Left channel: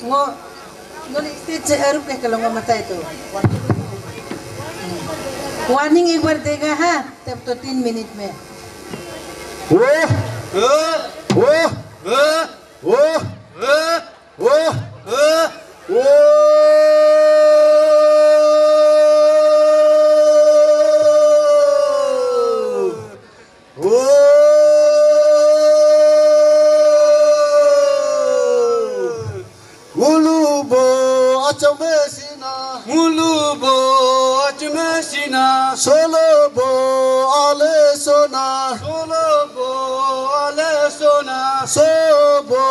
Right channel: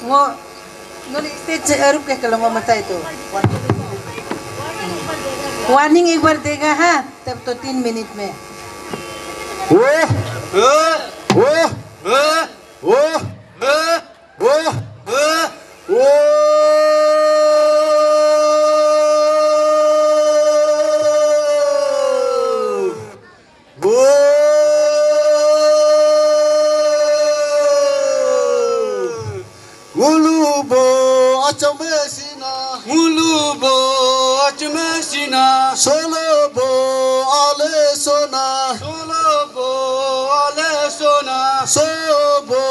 Ngo, noni speech से अरुप के कलम में बताए तो वार्निंग एक बार देगा हाँ तब तो 3 मिनट में वो वो वो वो वो Ngulubo achamesina Ngulubo acmesina Solobo alesona Solobo alesona Sobo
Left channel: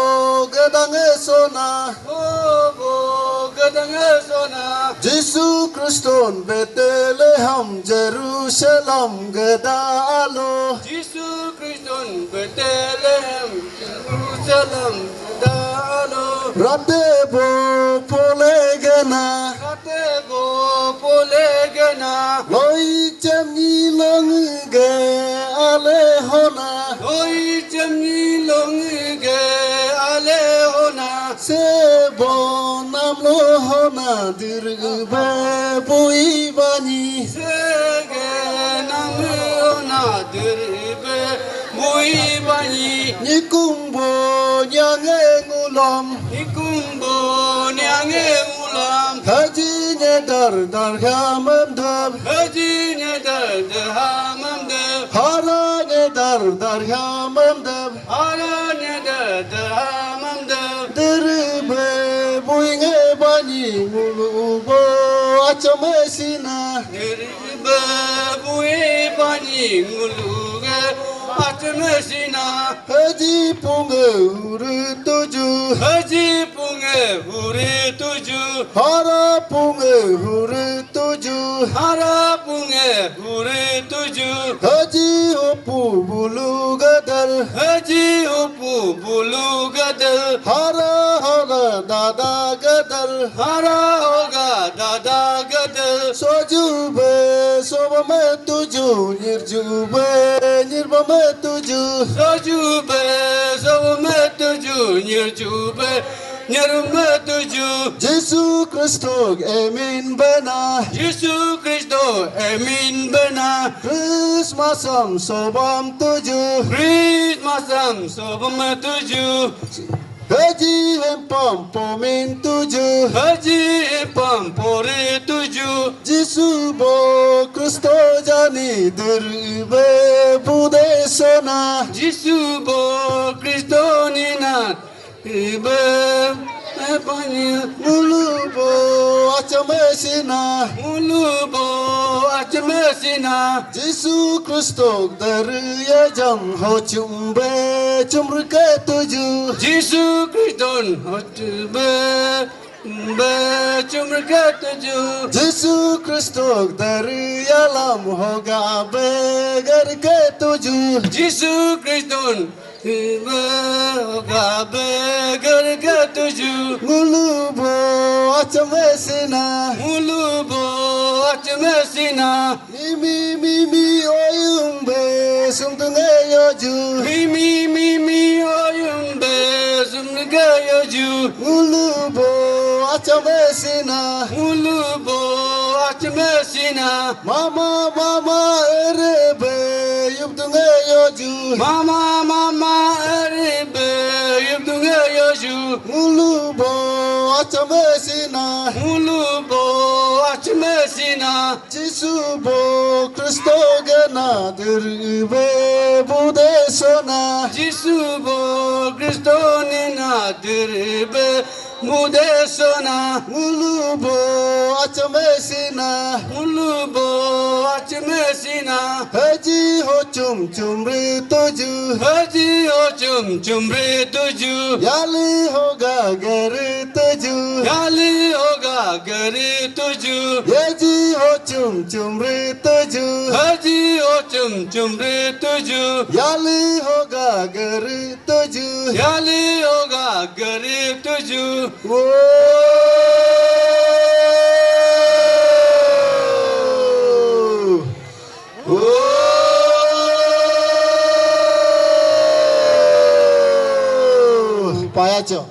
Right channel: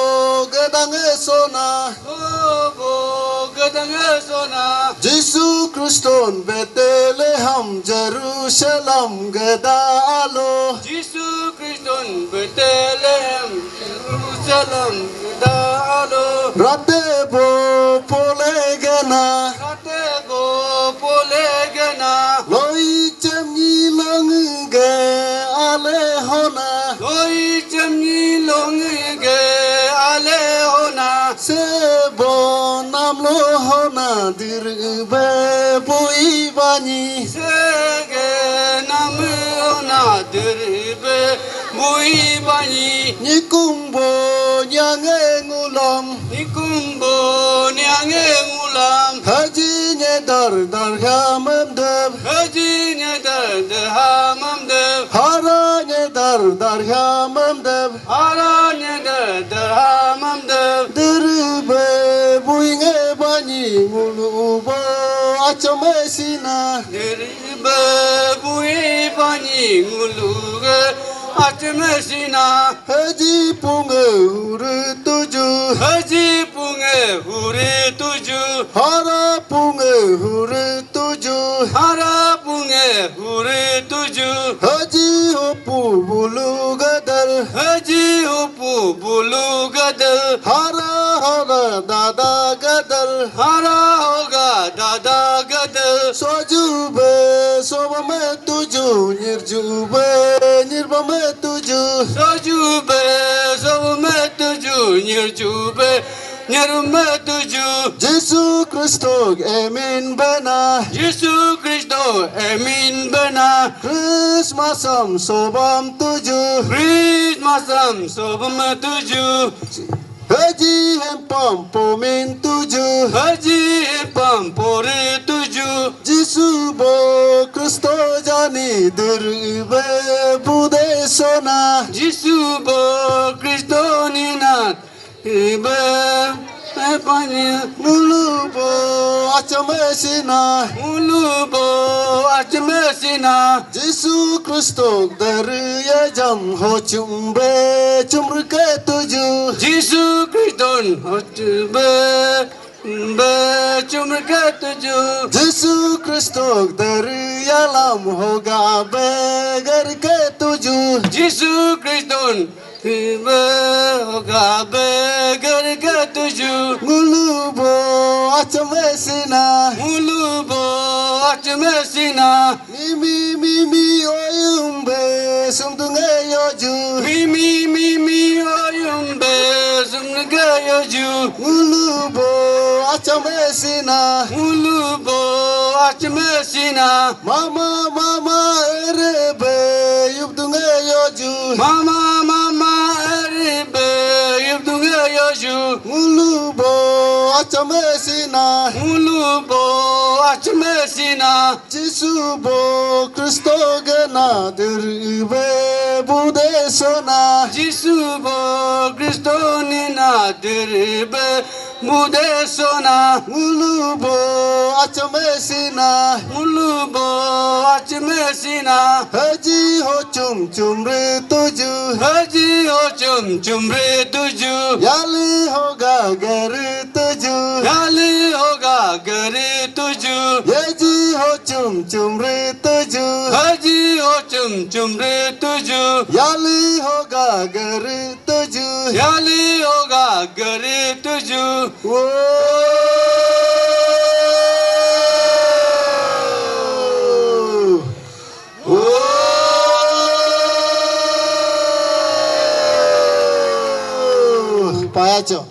gedangesona Sobo gadangesona Jisu Kriston Bethlehem Jerusalem gedalo Jisu Kristus Bethlehem Jerusalem dalo Radebo polegana Atebo polegana Loi chamni langge alehona Loi chamni longe alehona Sebo namlo hona dirbe buibani Sege namona dirbe muibani Nikumbo nyange ngulam Nikumbo nyange ngulam Haji nyedar dar hamandab Haji nyedar hamamdev Hara nyedar dar hamandab Hara nyedar hamamdev Dirbe buinge bani ngulubo achamesina Dirbe muibani nguluge atmesina Haji punge uru tuju Haji punge huri tuju Hara punge uru tuju Hara punge huri tuju Haji hopu bulu gadar Haji hupu bulu gadal Hara hara dada gadar Hara hoga dada gadal Sojube sobame tuju Nirjube nirbame tuju Sojube sovme tuju Nirjube nirme tuju Jesu Kristo emin bana Yesu Kristo emin bena Christmasam sobam tuju Christmasam sobme tuju Haji hempam pomin tuju Haji pampore tuju Jesu bo Kristo jani dirbe bude sona Yesu bo Kristo nina ibe epanya Mulubo achamesina ulubo achmesina Jesu Kristo dariya jam ho chumbe chumrke tuju Yesu Kristo hotbe be chumke tuju Jesu Kristo dariya lam hoga begar ke tuju Yesu Kristo ibe gabe garga tuju Mulubo achamesina ulubo achmesina Mimi oyumbe sumtunge yoju Mimi oyumbe zumga yoju Mulubo achamesina ulubo achmesina Mama erebe yubtunge yoju mama erbe yubdunga yoju Mulubo achamesina ulubo achmesina Jesu bo Kristo gana dirbe bude sona Yesu bo Kristo nina dirbe mudesona Mulubo achamesina ulubo achmesina Haji ho chum re tuju haji ho chum re tuju Yali hoga gari tuju gali hoga gari tuju Yeji ho chum re tuju haji ho chum re tuju Yali hoga gari tuju gali hoga gari tuju Payacho